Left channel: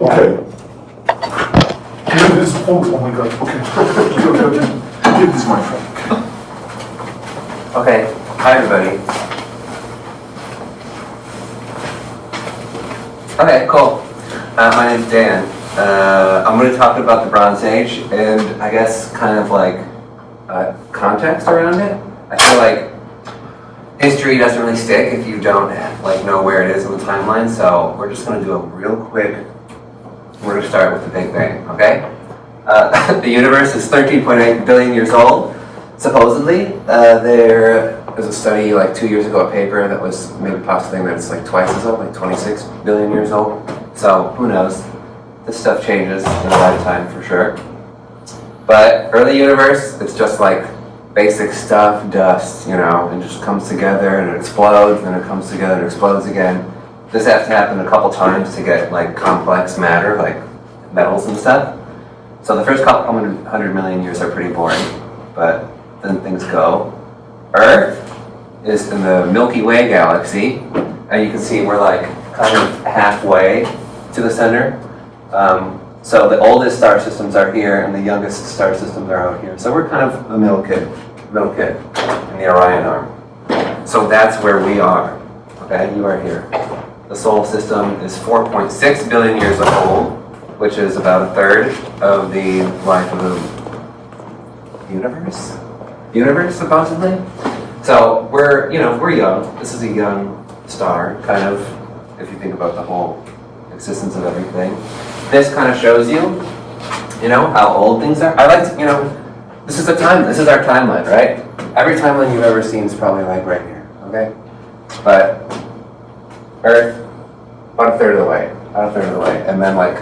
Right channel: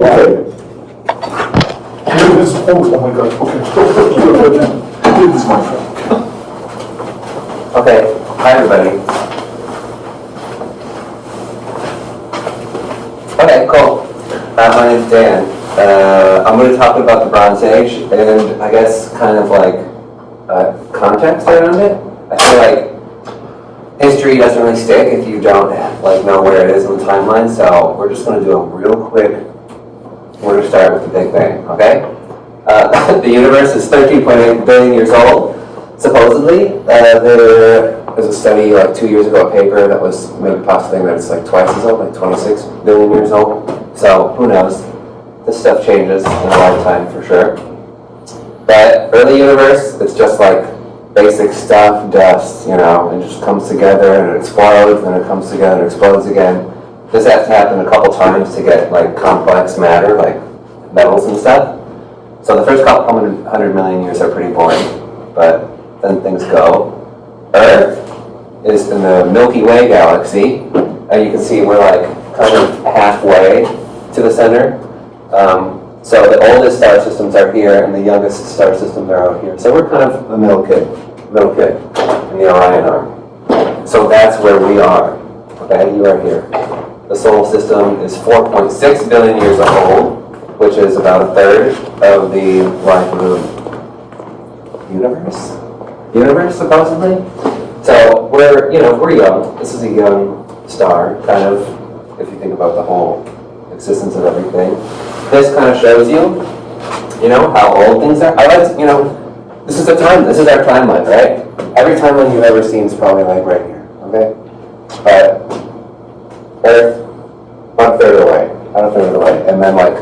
Okay. Give this, oh my God, okay. Give this my friend. Okay, hi everybody. Okay, cool. My name's Dan. I'm going to talk about the Bronze Age and I guess kind of like context around it. I feel like history doesn't really stick if you don't like know where it is in the timeline, so we're just going to do a real quick, we're going to start with the Big Bang, okay? The universe is 13.8 billion years old, supposedly. There was a study like 2 years ago, a paper that was maybe postulating that it's like twice as old, like 26 billion years old. So who knows? This stuff changes in a lifetime for sure. But early universe, it's just like basic stuff, dust, you know, and it just comes together and it explodes and it comes together and explodes again. This has to happen a couple times to get like complex matter, like metals and stuff. So the first couple hundred million years are pretty boring, but then things go. Earth is in the Milky Way galaxy, and you can see we're like kind of halfway to the center. So the oldest star systems are here, and the youngest star systems are out here. So we're kind of a middle kid in the Orion arm. So that's where we are. Okay, you are here. The solar system is 4.6 billion years old, which is about a third of the life of the universe, supposedly. So we're young. This is a young star, kind of, if you think about the whole existence of everything. This kind of shows you, how old things are. This is our timeline, right? Every timeline you've ever seen is probably like right here, okay? But Earth, about a third of the way, and then like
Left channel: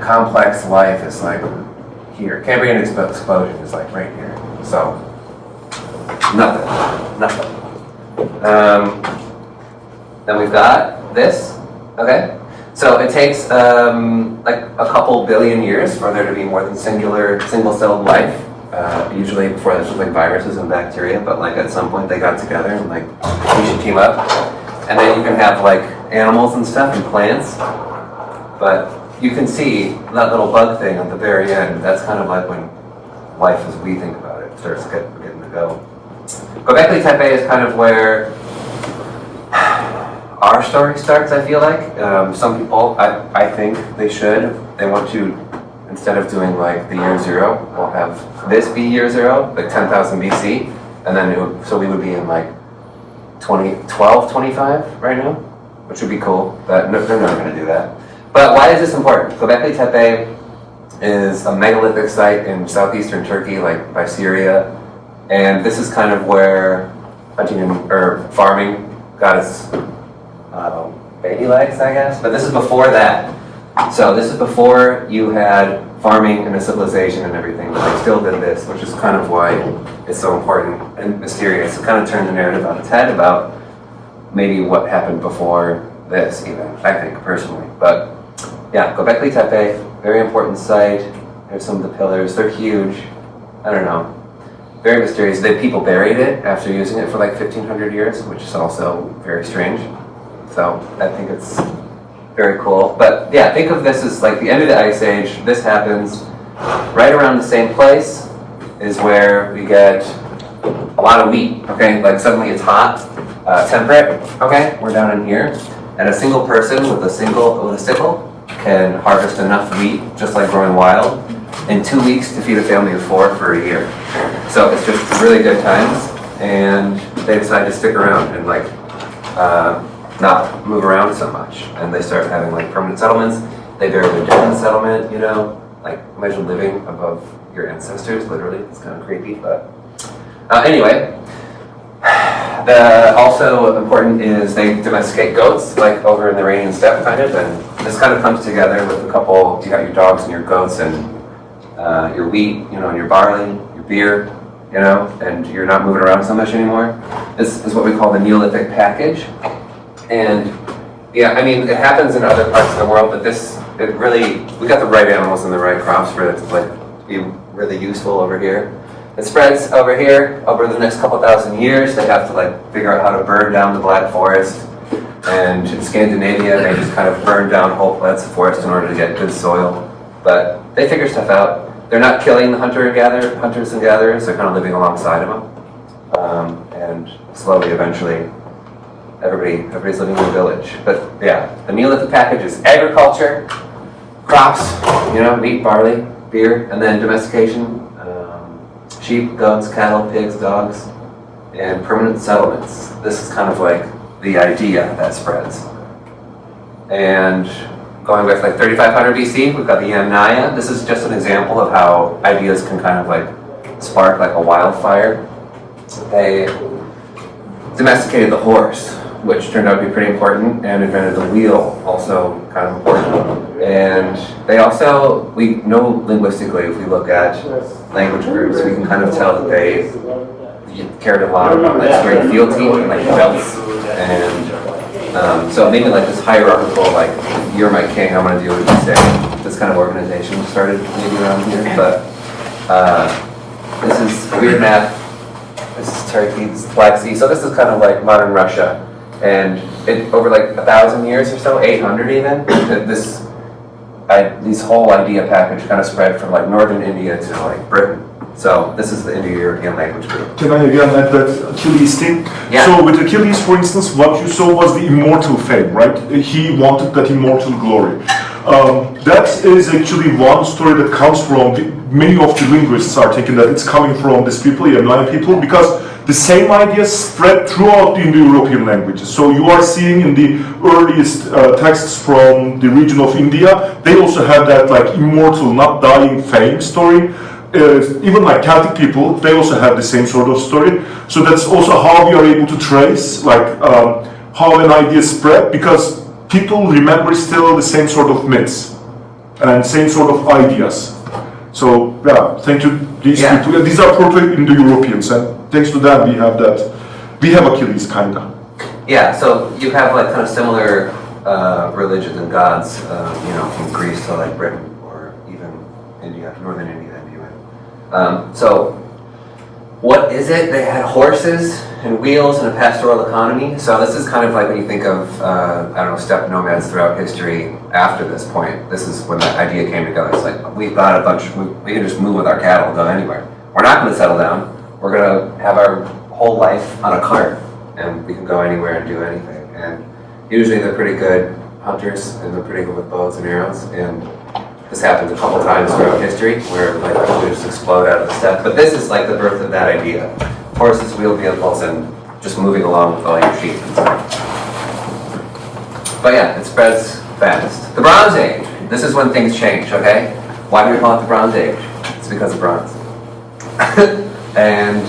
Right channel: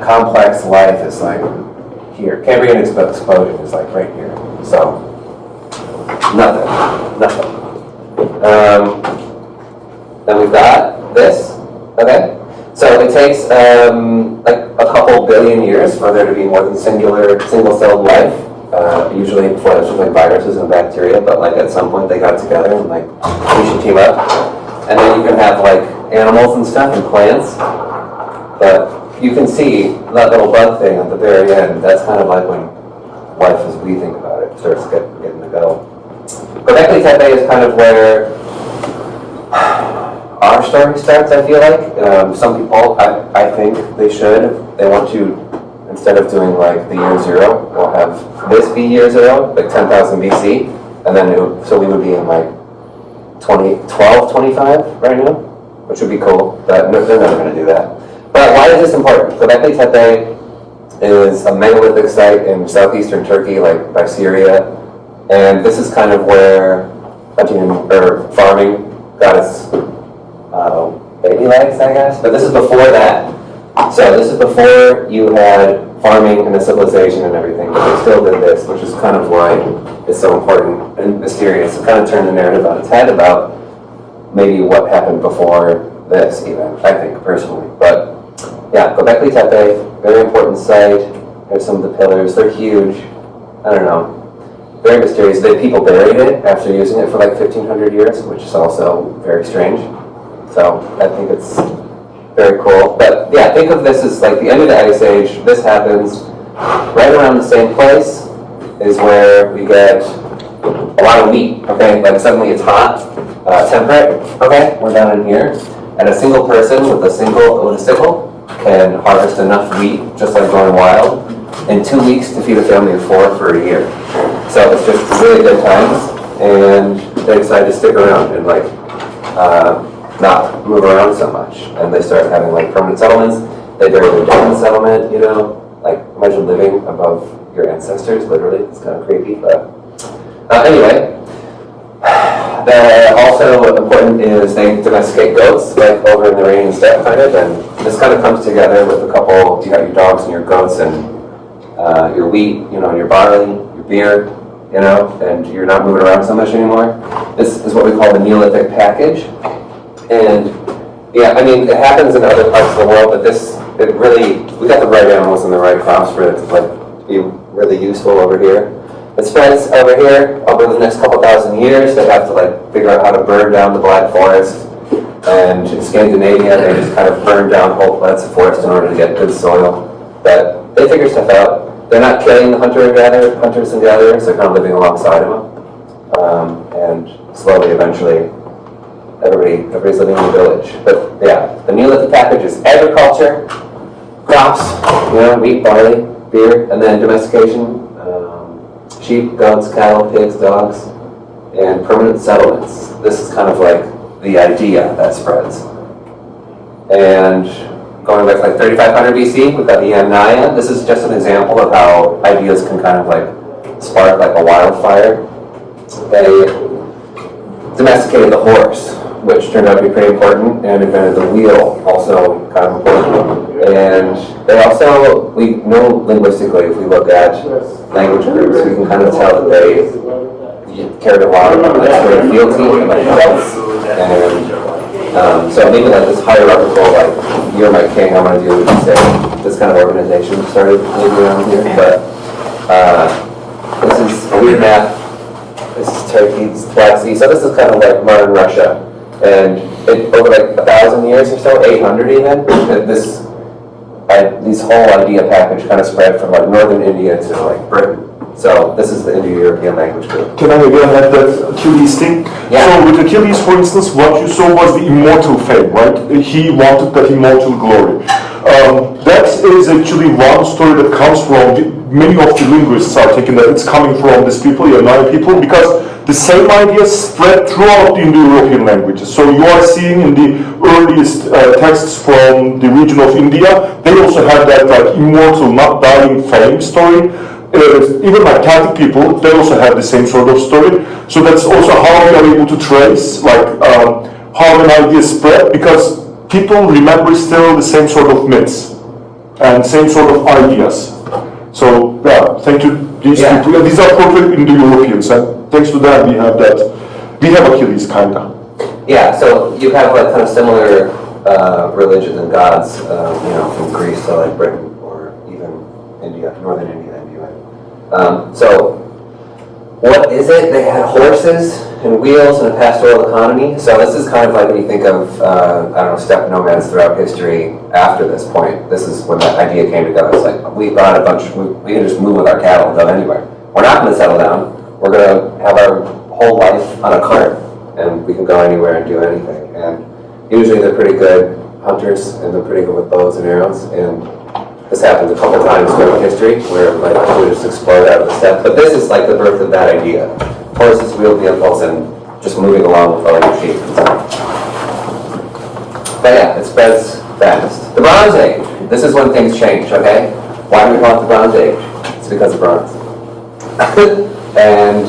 complex life is like here. Cambrian explosion is like right here. So nothing. Then we've got this. Okay. So it takes like a couple billion years for there to be more than single-celled life. Usually before there's like viruses and bacteria, but like at some point they got together and like we should team up. And then you can have like animals and stuff and plants. But you can see that little bug thing at the very end. That's kind of like when life as we think about it starts getting to go. Göbekli Tepe is kind of where our story starts, I feel like. Some people, I think they want to, instead of doing like the year zero, we'll have this be year zero, like 10,000 BC, and then so we would be in like 1225 right now, which would be cool, but no, they're never going to do that. But why is this important? Göbekli Tepe is a megalithic site in southeastern Turkey, like by Syria, and this is kind of where farming got its baby legs, I guess. But this is before that. So this is before you had farming and a civilization and everything, but they still did this, which is kind of why it's so important and mysterious. It kind of turned the narrative on its head about maybe what happened before this, even, I think, personally. But yeah, Göbekli Tepe, very important site. There's some of the pillars. They're huge. I don't know. Very mysterious. People buried it after using it for like 1,500 years, which is also very strange. So I think it's very cool. But yeah, think of this as like the end of the Ice Age. This happens right around the same place is where we get a lot of wheat, okay? Like suddenly it's hot, temperate, okay? We're down in here. And a single person with a sickle can harvest enough wheat, just like going wild, in 2 weeks to feed a family of 4 for a year. So it's just really good times, and they decide to stick around and like not move around so much. And they start having like permanent settlements. They bury their dead in the settlement, like imagine living above your ancestors, literally. It's kind of creepy, but anyway. Also important is they domesticate goats, like over in the Iranian steppe kind of, and this kind of comes together with you got your dogs and your goats and your wheat, your barley, your beer, and you're not moving around so much anymore. This is what we call the Neolithic package. And yeah, I mean, it happens in other parts of the world, but we got the right animals and the right crops for it to be really useful over here. It spreads over here over the next couple thousand years. They have to figure out how to burn down the Black Forest. And in Scandinavia, they just kind of burn down whole plats of forest in order to get good soil. But they figure stuff out. They're not killing the hunters and gatherers, they're kind of living alongside of them. And slowly, eventually, everybody's living in the village. But yeah, the Neolithic package is agriculture, crops, wheat, barley, beer, and then domestication, sheep, goats, cattle, pigs, dogs, and permanent settlements. This is kind of like the idea that spreads. And going back to like 3500 BC, we've got the Yamnaya. This is just an example of how ideas can kind of like spark like a wildfire. They domesticated the horse, which turned out to be pretty important, and invented the wheel, also kind of important. And they also, we know linguistically, if we look at language groups, we can kind of tell that they cared a lot about like straight fealty, like belts, and so maybe like this hierarchical, like, you're my king, I'm gonna do what you say, this kind of organization started maybe around here, but this is a weird map. This is Turkey, this is Black Sea, so this is kind of like modern Russia. And over like 1,000 years or so, 800 even, this whole idea package kind of spread from like northern India to like Britain. So this is the Indo-European language group. Can I again add that Achilles thing? Yeah. So with Achilles, for instance, what you saw was the immortal fame, right? He wanted that immortal glory. That is actually one story that comes from, many of the linguists are taking that it's coming from these people, Yamnaya people, because the same ideas spread throughout the Indo-European languages. So you are seeing in the earliest texts from the region of India, they also have that like immortal, not dying fame story. Even like Celtic people, they also have the same sort of story. So that's also how we are able to trace like how an idea spread, because people remember still the same sort of myths and same sort of ideas. So yeah, thank you these people. These are Proto-Indo-Europeans, and thanks to them we have that. We have Achilles kinda. Yeah, so you have like kind of similar religions and gods, from Greece to like Britain or even India, northern India. So, what is it? They had horses and wheels and a pastoral economy. So this is kind of like when you think of, steppe nomads throughout history after this point. This is when that idea came together. It's like, we brought a bunch, we can just move with our cattle and go anywhere. We're not going to settle down. We're going to have our whole life on a cart, and we can go anywhere and do anything. And usually they're pretty good hunters, and they're pretty good with bows and arrows. And this happens a couple times throughout history, where like people just explode out of the steppe. But this is like the birth of that idea: horses, wheeled vehicles, and just moving along with all your sheep. But yeah, it spreads fast. The Bronze Age. This is when things change. Okay, why do we call it the Bronze Age? It's because of bronze. And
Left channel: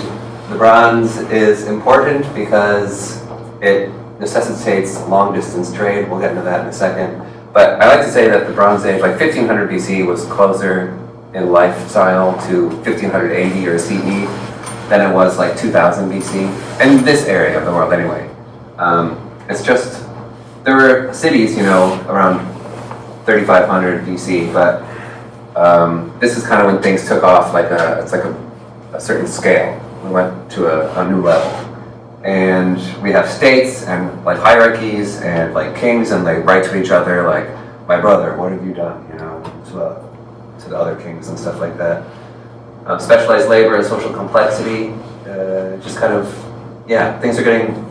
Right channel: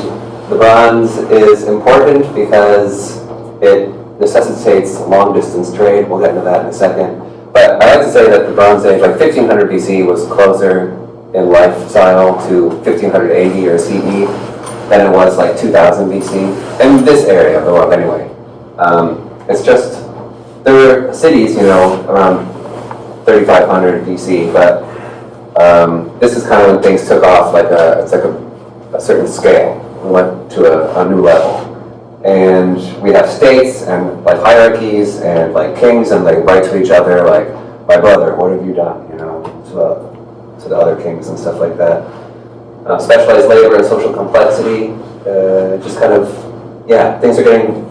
the bronze is important because it necessitates long-distance trade. We'll get into that in a second. But I like to say that the Bronze Age, like 1500 BC, was closer in lifestyle to 1500 AD or CE than it was like 2000 BC, in this area of the world anyway. It's just, there were cities, around 3500 BC, but this is kind of when things took off, it's like a certain scale. We went to a new level. And we have states and like hierarchies and like kings, and they write to each other like, my brother, what have you done, to the other kings and stuff like that. Specialized labor and social complexity, just kind of, things are getting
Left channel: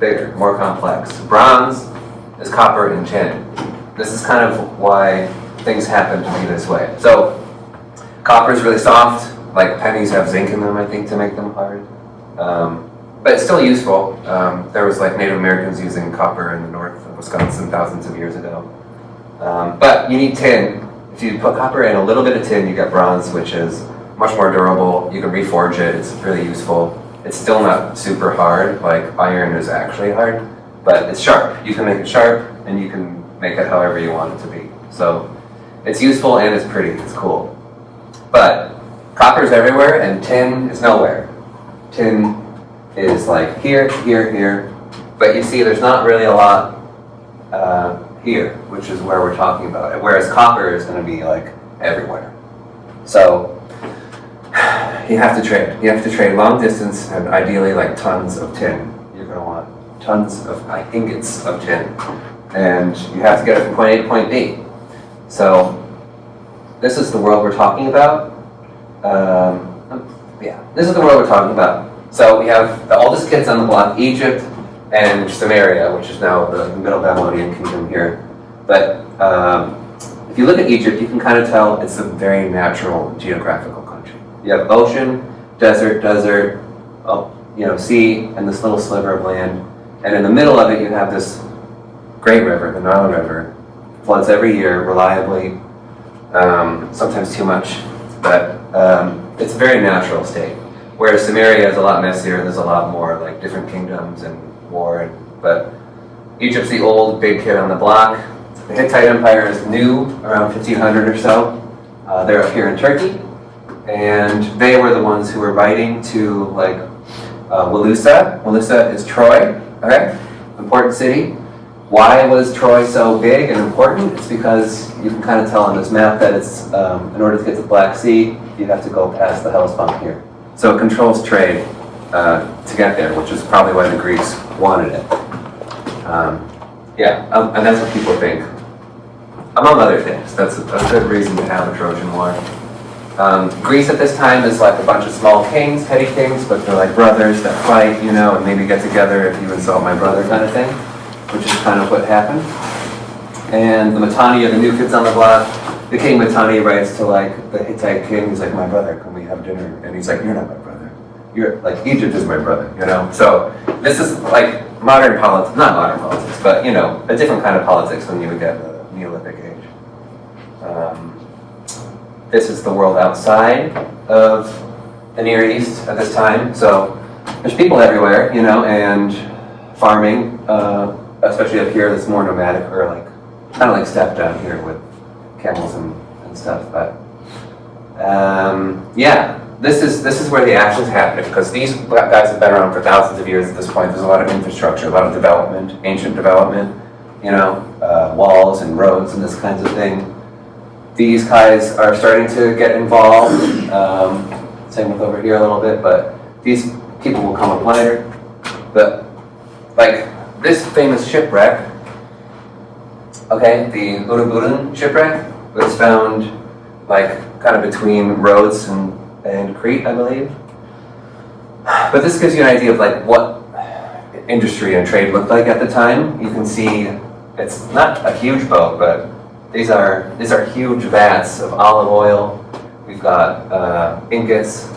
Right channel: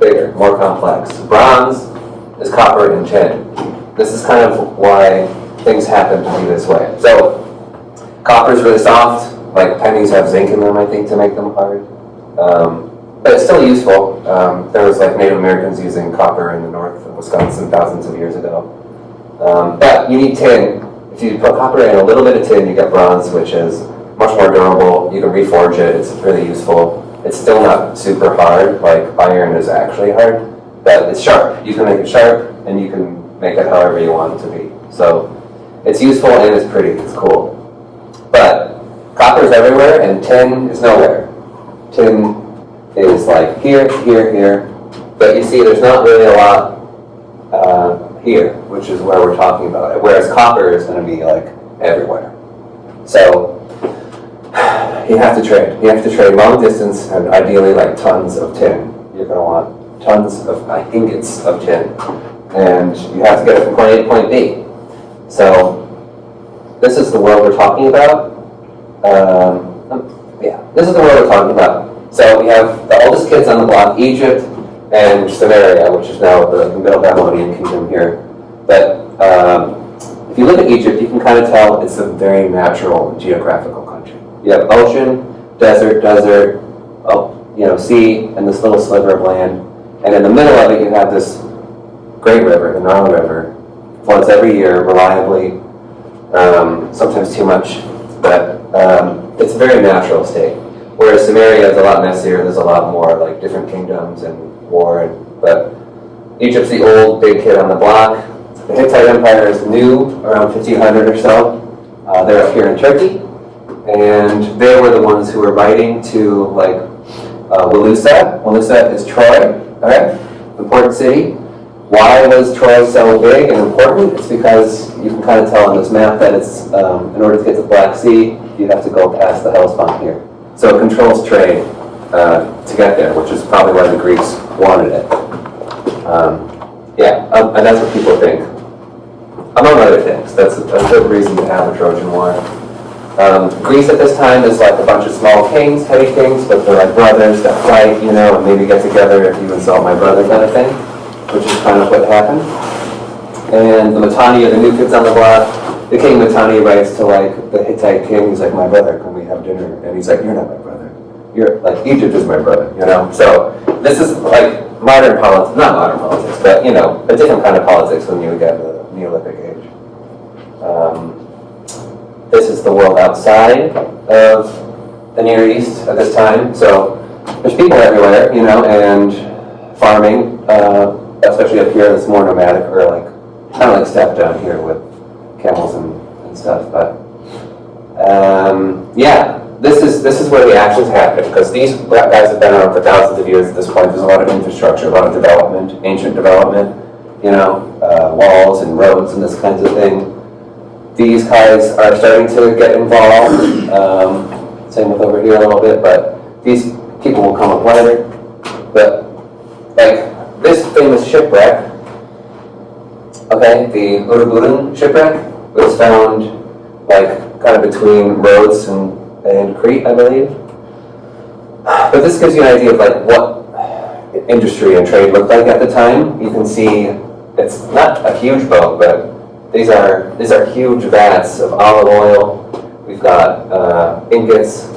bigger, more complex. Bronze is copper and tin. This is kind of why things happen to be this way. So copper is really soft, like pennies have zinc in them, I think, to make them hard. But it's still useful. There was like Native Americans using copper in the north of Wisconsin thousands of years ago. But you need tin. If you put copper in a little bit of tin, you get bronze, which is much more durable. You can reforge it. It's really useful. It's still not super hard, like iron is actually hard, but it's sharp. You can make it sharp, and you can make it however you want it to be. So it's useful and it's pretty. It's cool. But copper is everywhere, and tin is nowhere. Tin is like here, here, here, but you see there's not really a lot here, which is where we're talking about it, whereas copper is going to be like everywhere. So you have to trade. You have to trade long distance and ideally like tons of tin. You're going to want tons of ingots of tin, and you have to get it from point A to point B. So this is the world we're talking about. Yeah, this is the world we're talking about. So we have the oldest kids on the block, Egypt and Samaria, which is now the Middle Babylonian kingdom here. But if you look at Egypt, you can kind of tell it's a very natural geographical country. You have ocean, desert, sea, and this little sliver of land. And in the middle of it, you have this great river, the Nile River, floods every year reliably, sometimes too much, but it's a very natural state. Whereas Samaria is a lot messier, there's a lot more like different kingdoms and war, but Egypt's the old big kid on the block. The Hittite Empire is new, around 1500 or so. They're up here in Turkey, and they were the ones who were writing to like Wilusa. Wilusa is Troy, okay? Important city. Why was Troy so big and important? It's because you can kind of tell on this map that it's, in order to get to the Black Sea, you have to go past the Hellespont here. So it controls trade to get there, which is probably why the Greeks wanted it. And that's what people think. Among other things, that's a good reason to have a Trojan War. Greece at this time is like a bunch of small kings, petty kings, but they're like brothers that fight, and maybe get together if you insult my brother kind of thing, which is kind of what happened. And the Mitanni are the new kids on the block. The king Mitanni writes to like the Hittite king, he's like, my brother, can we have dinner? And he's like, you're not my brother. You're like, Egypt is my brother, So this is like modern politics, not modern politics, but a different kind of politics when you get the Neolithic age. This is the world outside of the Near East at this time. So there's people everywhere, and farming, especially up here, that's more nomadic, or like kind of like steppe down here with camels and stuff. But this is where the actions happen, because these guys have been around for thousands of years at this point. There's a lot of infrastructure, a lot of development, ancient development, walls and roads and this kinds of thing. These guys are starting to get involved. Same with over here a little bit, but these people will come up later. But like this famous shipwreck, okay, the Uruburan shipwreck was found like kind of between Rhodes and Crete, I believe. But this gives you an idea of like what industry and trade looked like at the time. You can see it's not a huge boat, but these are huge vats of olive oil. We've got ingots.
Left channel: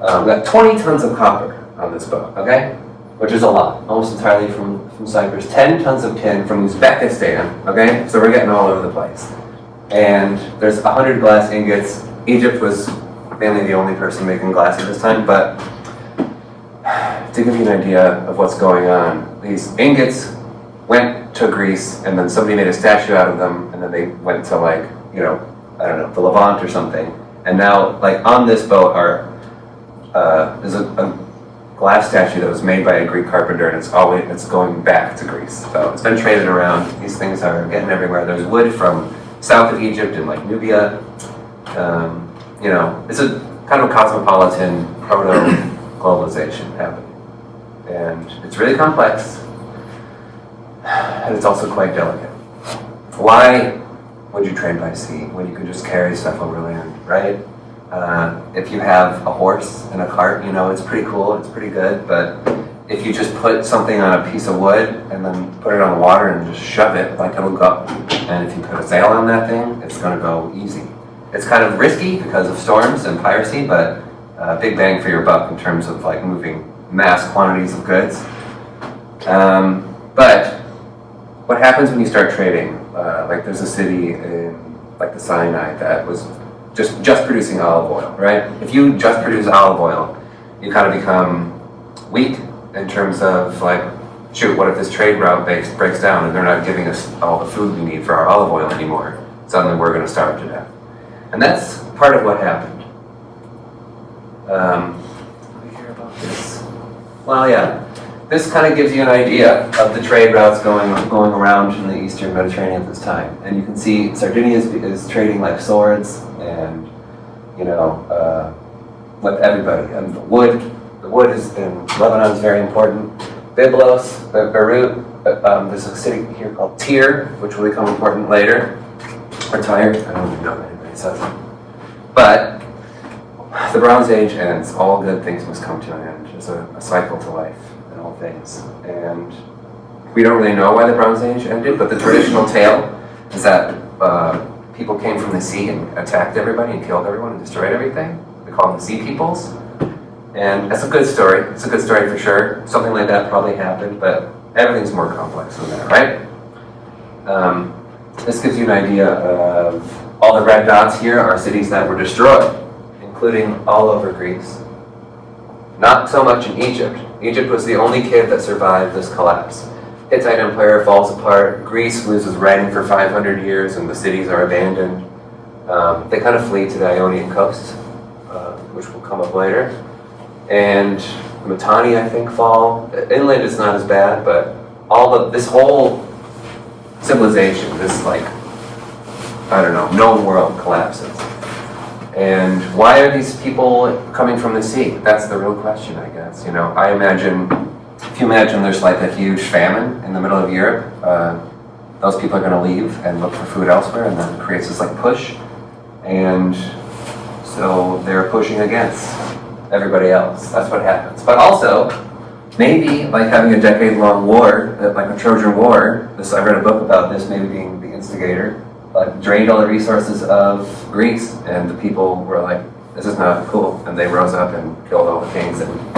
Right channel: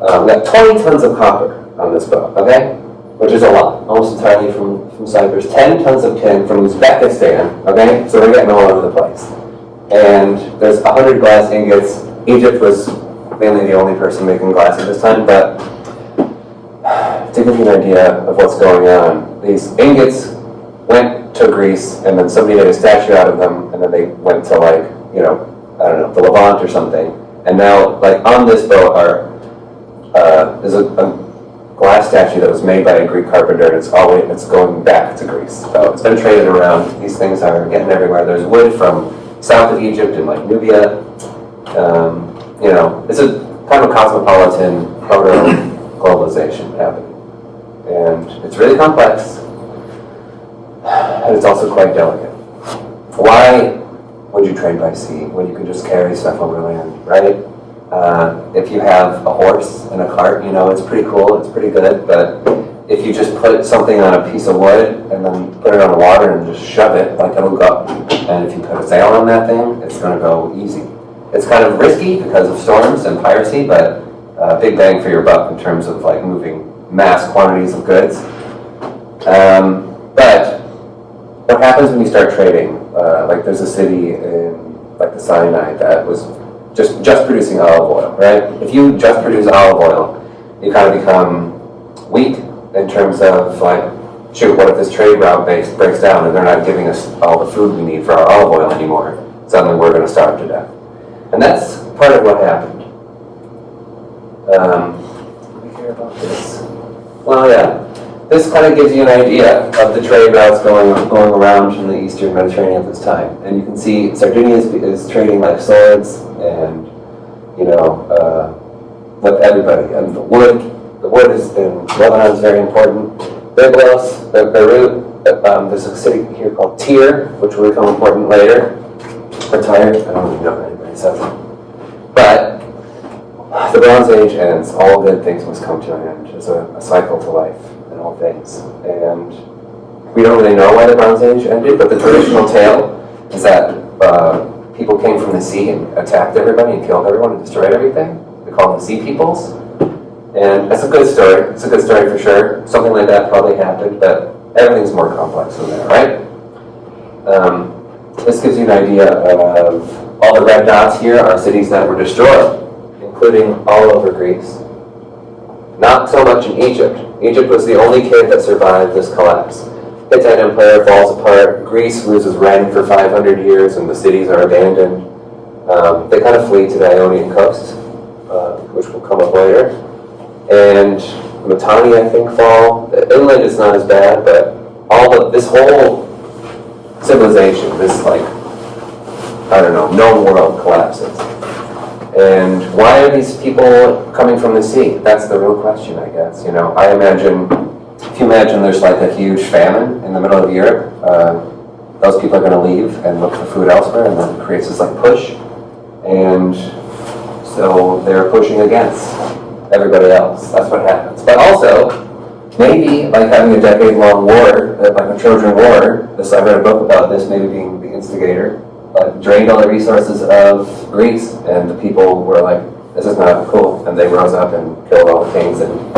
We've got 20 tons of copper on this boat, okay? Which is a lot, almost entirely from Cyprus. 10 tons of tin from Uzbekistan, okay? So we're getting all over the place. And there's 100 glass ingots. Egypt was mainly the only person making glass at this time, but to give you an idea of what's going on, these ingots went to Greece, and then somebody made a statue out of them, and then they went to like, I don't know, the Levant or something. And now, like on this boat there's a glass statue that was made by a Greek carpenter, and it's going back to Greece. So it's been traded around. These things are getting everywhere. There's wood from south of Egypt and like Nubia. It's a kind of a cosmopolitan proto-globalization happening. And it's really complex. And it's also quite delicate. Why would you trade by sea when you can just carry stuff over land, right? If you have a horse and a cart, it's pretty cool, it's pretty good, but if you just put something on a piece of wood and then put it on the water and just shove it, like it'll go. And if you put a sail on that thing, it's gonna go easy. It's kind of risky because of storms and piracy, but big bang for your buck in terms of like moving mass quantities of goods. But what happens when you start trading? Like there's a city in like the Sinai that was just producing olive oil, right? If you just produce olive oil, you kind of become weak in terms of like, shoot, what if this trade route breaks down and they're not giving us all the food we need for our olive oil anymore? Suddenly we're going to starve to death. And that's part of what happened. Did we hear about this? Well, yeah. This kind of gives you an idea of the trade routes going around in the Eastern Mediterranean at this time. And you can see Sardinia is trading like swords and, with everybody. And the wood is in Lebanon is very important. Byblos, Beirut, there's a city here called Tyre, which will become important later. Or Tyre, I don't even know if anybody says it. But the Bronze Age ends, all good things must come to an end. There's a cycle to life in all things. And we don't really know why the Bronze Age ended, but the traditional tale is that people came from the sea and attacked everybody and killed everyone and destroyed everything. We call them sea peoples. And it's a good story. It's a good story for sure. Something like that probably happened, but everything's more complex than that, right? This gives you an idea of all the red dots here are cities that were destroyed, including all over Greece. Not so much in Egypt. Egypt was the only kid that survived this collapse. Hittite Empire falls apart, Greece loses rain for 500 years, and the cities are abandoned. They kind of flee to the Ionian coast, which will come up later. And Mitanni, I think, fall. Inland is not as bad, but this whole civilization, this known world collapses. And why are these people coming from the sea? That's the real question, I guess. If you imagine there's like a huge famine in the middle of Europe, those people are going to leave and look for food elsewhere, and that creates this push. And so they're pushing against everybody else. That's what happens. But also, maybe having a decade-long war, like the Trojan War, I read a book about this, maybe being the instigator, drained all the resources of Greece, and the people were like, this is not cool, and they rose up and killed all the kings and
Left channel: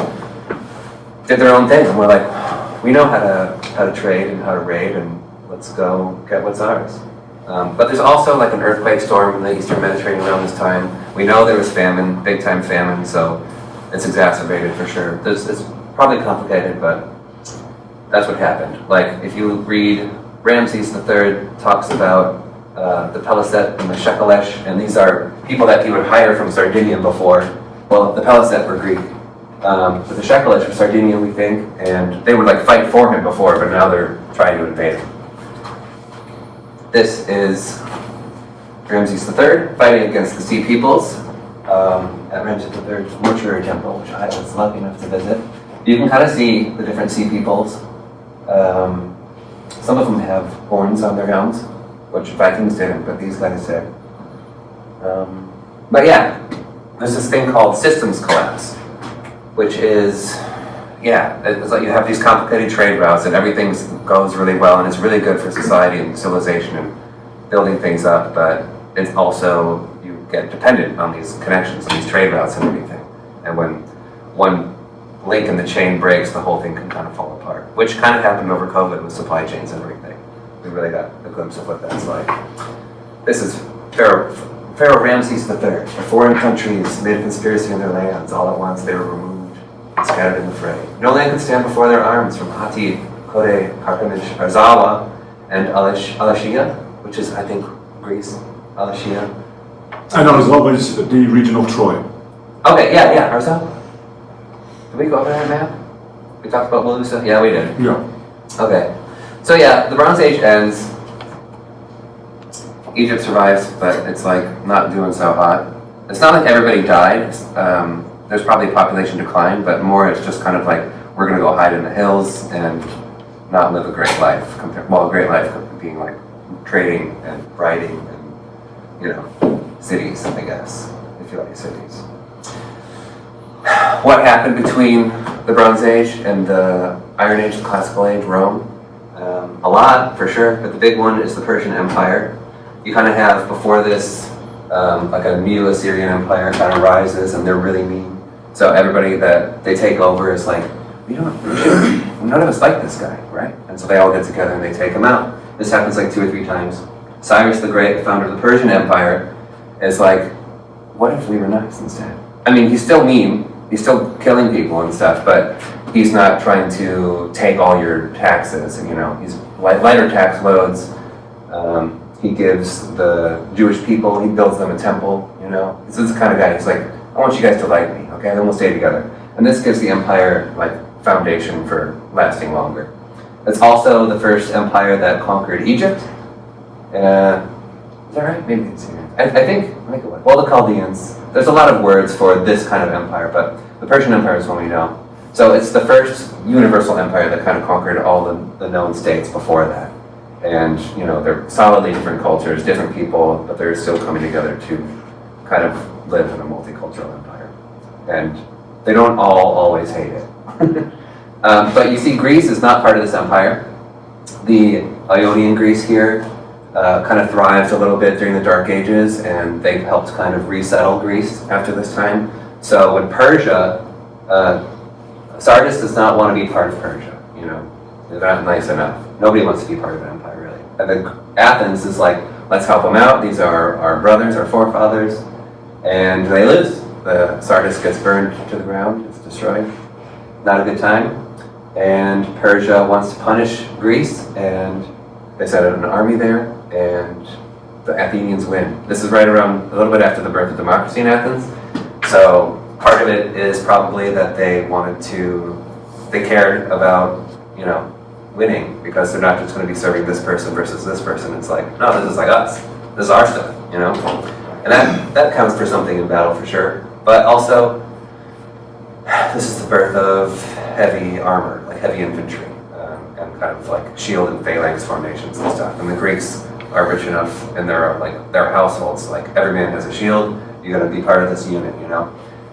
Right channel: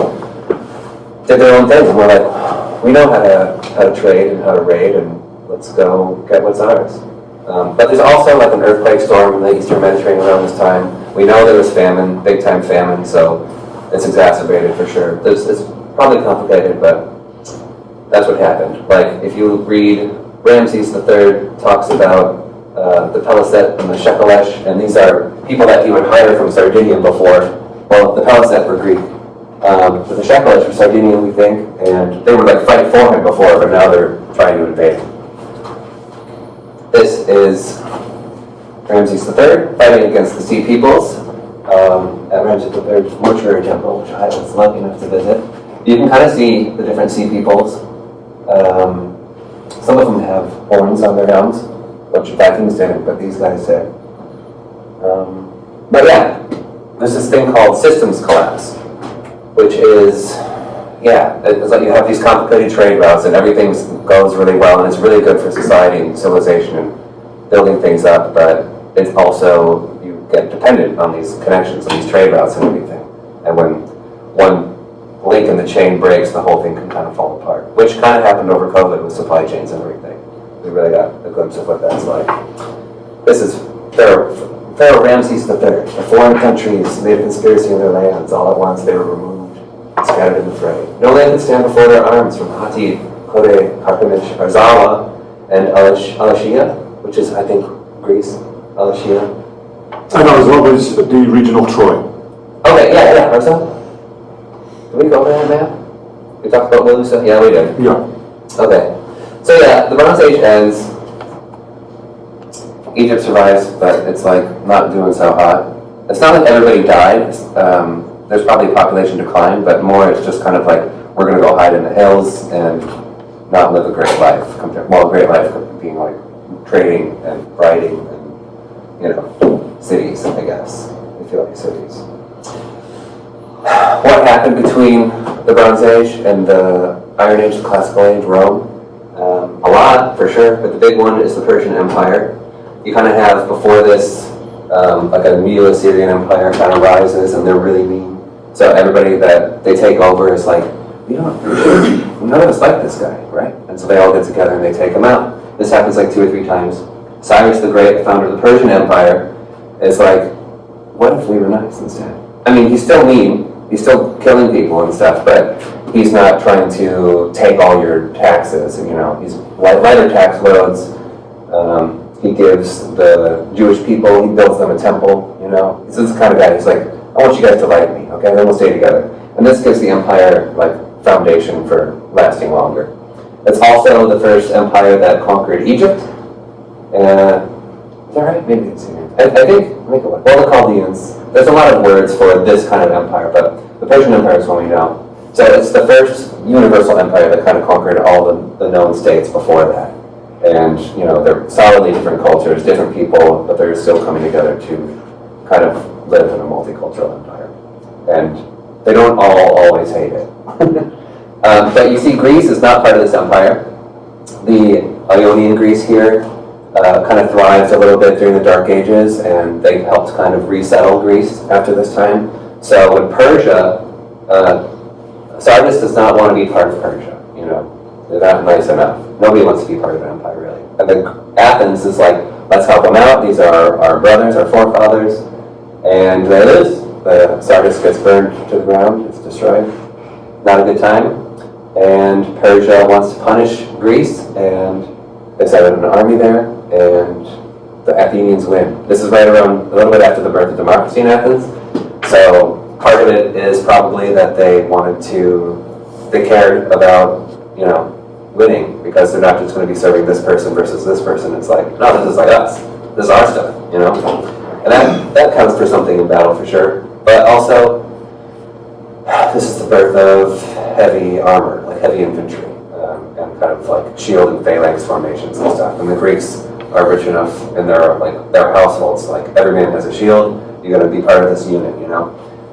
did their own thing. And we're like, we know how to trade and how to raid, and let's go get what's ours. But there's also an earthquake storm in the Eastern Mediterranean around this time. We know there was famine, big-time famine, so it's exacerbated for sure. It's probably complicated, but that's what happened. If you read, Ramses III talks about the Peliset and the Shekelesh, and these are people that he would hire from Sardinia before. Well, the Peliset were Greek, but the Shekelesh were Sardinian, we think, and they would fight for him before, but now they're trying to invade him. This is Ramses III fighting against the Sea Peoples at Ramses III's mortuary temple, which I was lucky enough to visit. You can kind of see the different Sea Peoples. Some of them have horns on their helms, which Vikings didn't, but these guys did. But yeah, there's this thing called systems collapse, which is, it's like you have these complicated trade routes and everything goes really well and it's really good for society and civilization and building things up, but it's also, you get dependent on these connections and these trade routes and everything. And when one link in the chain breaks, the whole thing can kind of fall apart, which kind of happened over COVID with supply chains and everything. We really got a glimpse of what that's like. This is Pharaoh Ramses III. The foreign countries made a conspiracy in their lands. All at once they were removed, scattered in the fray. No land could stand before their arms from Hatti, Kode, Karkemish, Arzawa, and Alashia, which is, I think, Greece. Alashia. I know, as well as the region of Troy. Okay, yeah, Arzawa. Did we go over there, man? We talked about Melusa? Yeah, we did. Yeah. Okay. So yeah, the Bronze Age ends. Egypt survives, but it's not doing so hot. It's not like everybody died. There's probably population decline, but more it's just kind of we're going to go hide in the hills and not live a great life. A great life being trading and writing and cities, I guess, if you like cities. What happened between the Bronze Age and the Iron Age, the Classical Age, Rome? A lot, for sure, but the big one is the Persian Empire. You kind of have, before this, a Neo-Assyrian Empire kind of rises, and they're really mean. So everybody that they take over is none of us like this guy, right? And so they all get together and they take him out. This happens 2 or 3 times. Cyrus the Great, the founder of the Persian Empire, is what if we were nice instead? I mean, he's still mean, he's still killing people and stuff, but he's not trying to take all your taxes, he's lighter tax loads. He gives the Jewish people, he builds them a temple, He's this kind of guy, he's I want you guys to like me, okay, then we'll stay together. And this gives the empire, foundation for lasting longer. It's also the first empire that conquered Egypt. Is that right? Maybe it's here. I think, the Chaldeans. There's a lot of words for this kind of empire, but the Persian Empire is one we know. So it's the first universal empire that kind of conquered all the known states before that. And, you know, they're solidly different cultures, different people, but they're still coming together to kind of live in a multicultural empire. And they don't all always hate it. But you see, Greece is not part of this empire. The Ionian Greece here kind of thrives a little bit during the Dark Ages, and they helped kind of resettle Greece after this time. So when Persia, Sardis does not want to be part of Persia, you know. They're not nice enough. Nobody wants to be part of an empire, really. And then Athens is like, let's help them out. These are our brothers, our forefathers. And they lose. The Sardis gets burned to the ground. It's destroyed. Not a good time. And Persia wants to punish Greece, and they set up an army there, and the Athenians win. This is right around a little bit after the birth of democracy in Athens. So part of it is probably that they cared about, you know, winning, because they're not just going to be serving this person versus this person. It's like, no, this is like us. This is our stuff, you know? And that counts for something in battle for sure. But also, this is the birth of heavy armor, like heavy infantry, and kind of like shield and phalanx formations and stuff. And the Greeks are rich enough in their households, like every man has a shield, you gotta be part of this unit, you know?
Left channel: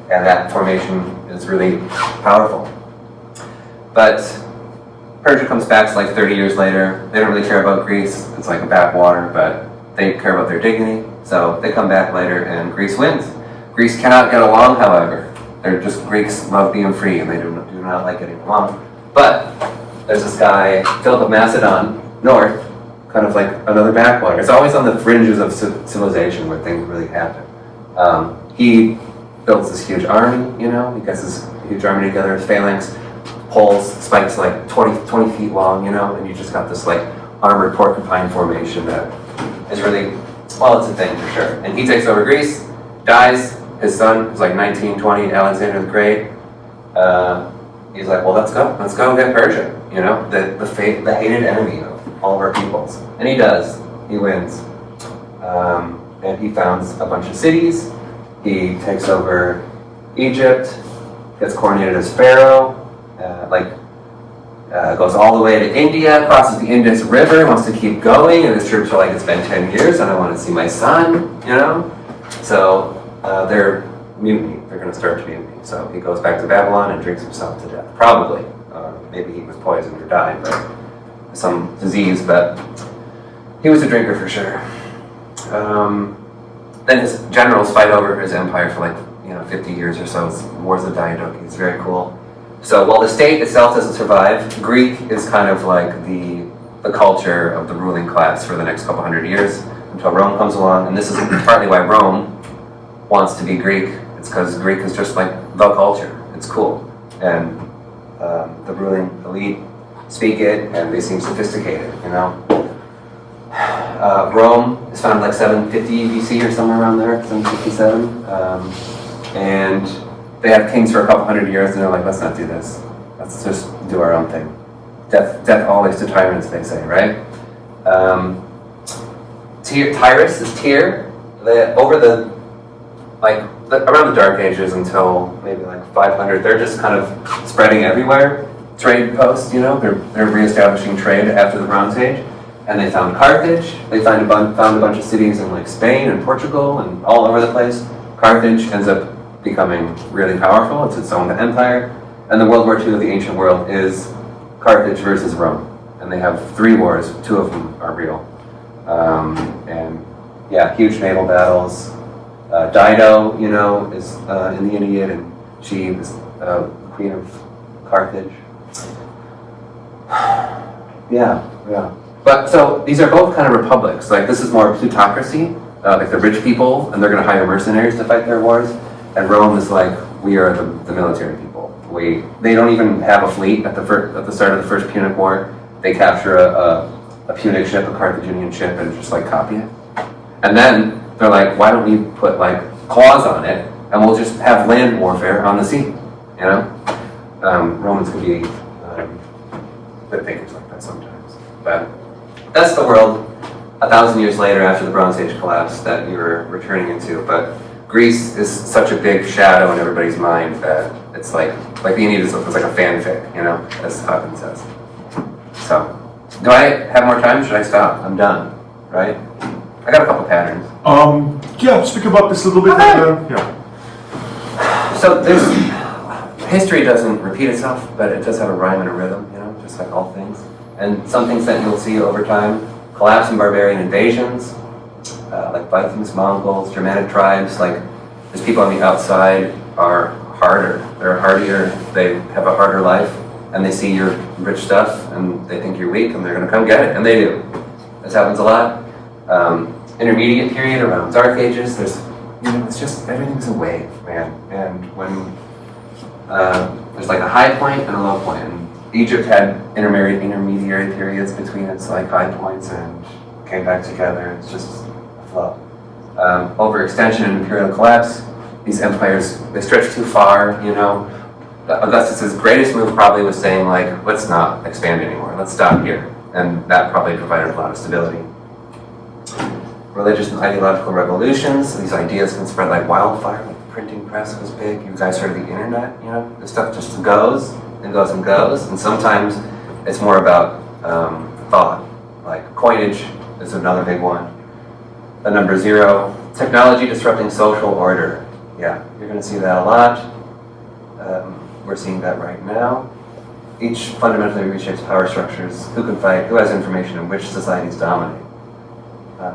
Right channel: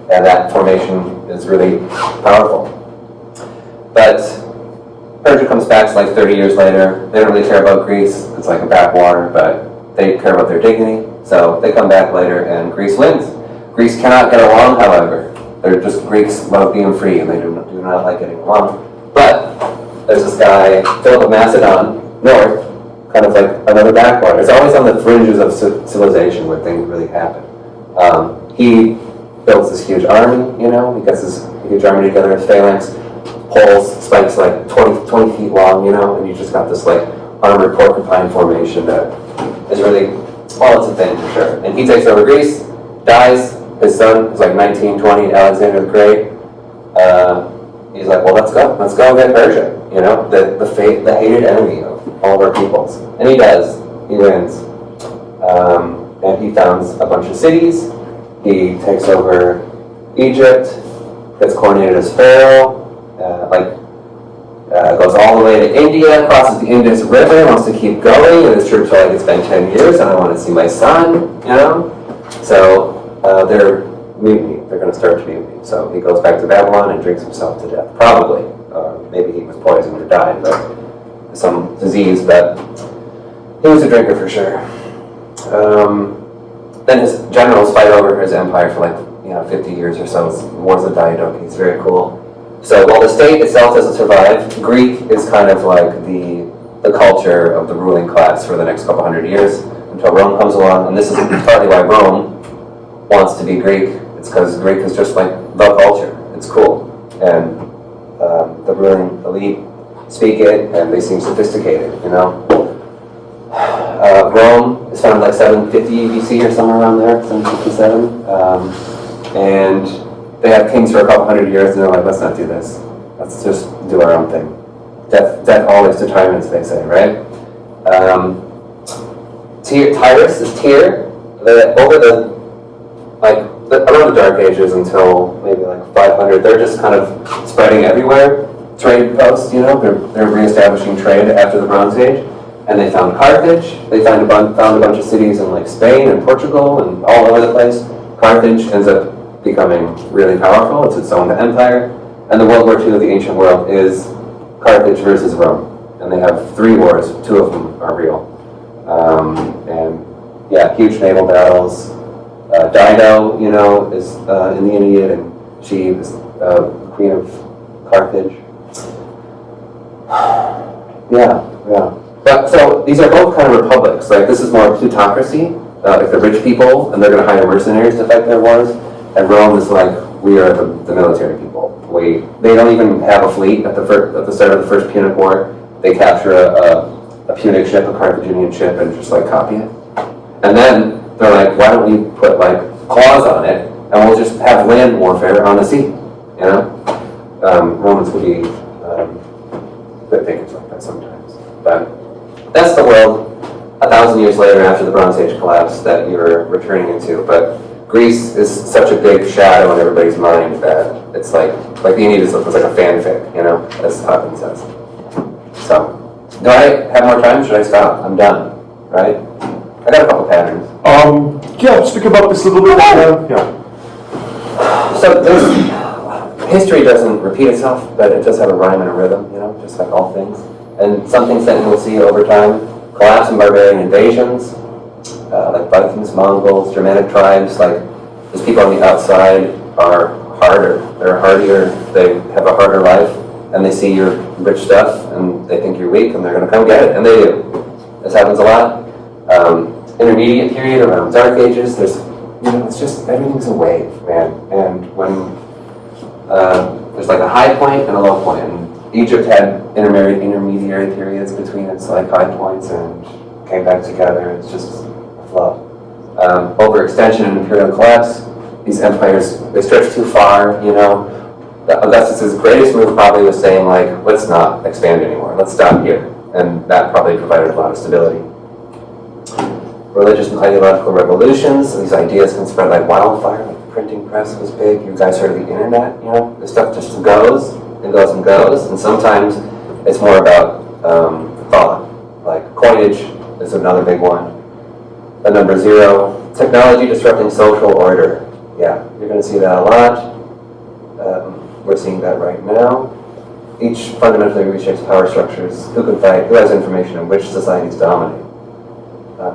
And that formation is really powerful. But Persia comes back to like 30 years later. They don't really care about Greece. It's like a backwater, but they care about their dignity. So they come back later and Greece wins. Greece cannot get along, however. They're just, Greeks love being free and they do not like getting along. But there's this guy, Philip of Macedon, north, kind of like another backwater. It's always on the fringes of civilization where things really happen. He builds this huge army, you know, he gets this huge army together, his phalanx, poles, spikes like 20 feet long, you know, and you just got this like armored porcupine formation that is really, well, it's a thing for sure. And he takes over Greece, dies, his son is like 19, 20, Alexander the Great. He's like, well, let's go get Persia, you know, the hated enemy of all of our peoples. And he does, he wins. And he founds a bunch of cities. He takes over Egypt, gets coronated as pharaoh, goes all the way to India, crosses the Indus River, wants to keep going, and his troops are like, it's been 10 years and I want to see my son, you know? So they're mutiny, they're going to start to mutiny. So he goes back to Babylon and drinks himself to death, probably. Maybe he was poisoned or died, but some disease, but he was a drinker for sure. Then his generals fight over his empire for like, 50 years or so. It's Wars of Diadochi. It's very cool. So while the state itself doesn't survive, Greek is kind of like the culture of the ruling class for the next couple hundred years until Rome comes along. And this is partly why Rome wants to be Greek. It's because Greek is just like the culture. It's cool. And the ruling elite speak it and they seem sophisticated, you know? Rome is founded like 750 BC or somewhere around there, 757. And they have kings for a couple hundred years, and they're like, let's not do this. Let's just do our own thing. Death always determines, they say, right? Tyrus is Tyre, around the Dark Ages until maybe like 500, they're just kind of spreading everywhere. Trade posts, you know, they're reestablishing trade after the Bronze Age. And they found Carthage. They found a bunch of cities in like Spain and Portugal and all over the place. Carthage ends up becoming really powerful. It's its own empire. And the World War II of the ancient world is Carthage versus Rome. And they have 3 wars. 2 of them are real. And yeah, huge naval battles. Dido, you know, is in the Aeneid, and she was queen of Carthage. Yeah. But so these are both kind of republics. Like this is more plutocracy, like the rich people, and they're going to hire mercenaries to fight their wars. And Rome is like, we are the military people. They don't even have a fleet at the start of the First Punic War. They capture a Punic ship, a Carthaginian ship, and just like copy it. And then they're like, why don't we put like claws on it, and we'll just have land warfare on the sea, you know? Romans could be good thinkers like that sometimes. But that's the world 1,000 years later after the Bronze Age collapse that you're returning into. But Greece is such a big shadow in everybody's mind that it's like the Aeneid is like a fanfic, you know, as Hawkins says. So, do I have more time? Should I stop? I'm done, right? I got a couple patterns. Yeah, speak about this a little bit. Yeah. So there's, history doesn't repeat itself, but it does have a rhyme and a rhythm, you know, just like all things. And some things that you will see over time, collapse and barbarian invasions, like Vikings, Mongols, Germanic tribes, like these people on the outside are harder, they're hardier, they have a harder life, and they see your rich stuff, and they think you're weak, and they're gonna come get it, and they do. This happens a lot. Intermediate period around Dark Ages, there's, you know, it's just, everything's a wave, man. And when, there's like a high point and a low point, and Egypt had intermediary periods between its like high points and came back together, it's just a flow. Overextension and imperial collapse, these empires, they stretch too far, you know. Augustus's greatest move probably was saying like, let's not expand anymore, let's stop here. And that probably provided a lot of stability. Religious and ideological revolutions, these ideas can spread like wildfire, like the printing press was big, you guys heard of the internet, you know? This stuff just goes, and goes and goes, and sometimes it's more about thought, like coinage is another big one. The number 0, technology disrupting social order. Yeah, you're gonna see that a lot. We're seeing that right now. Each fundamentally reshapes power structures, who can fight, who has information, and which societies dominate.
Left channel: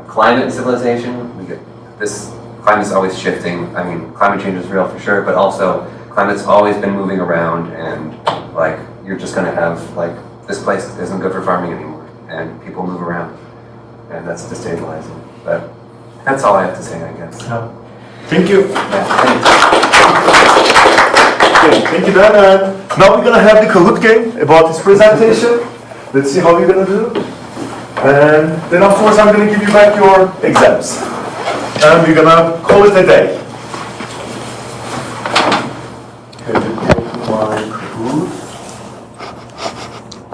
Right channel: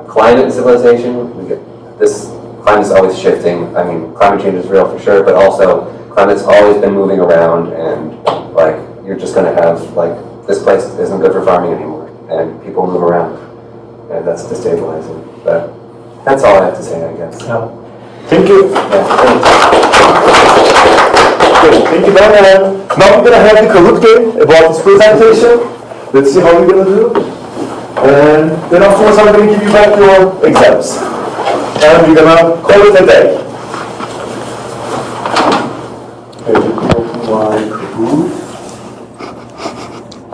Climate and civilization, we get this, climate's always shifting. I mean, climate change is real for sure, but also climate's always been moving around, and like, you're just gonna have, like, this place isn't good for farming anymore, and people move around, and that's destabilizing. But that's all I have to say, I guess. Yeah. Thank you. Yeah, thanks. Good. Thank you, Dan. Now we're gonna have the Kahoot game about this presentation. Let's see how we're gonna do. And then afterwards, I'm gonna give you back your exams, and we're gonna call it a day. Okay, my Kahoot.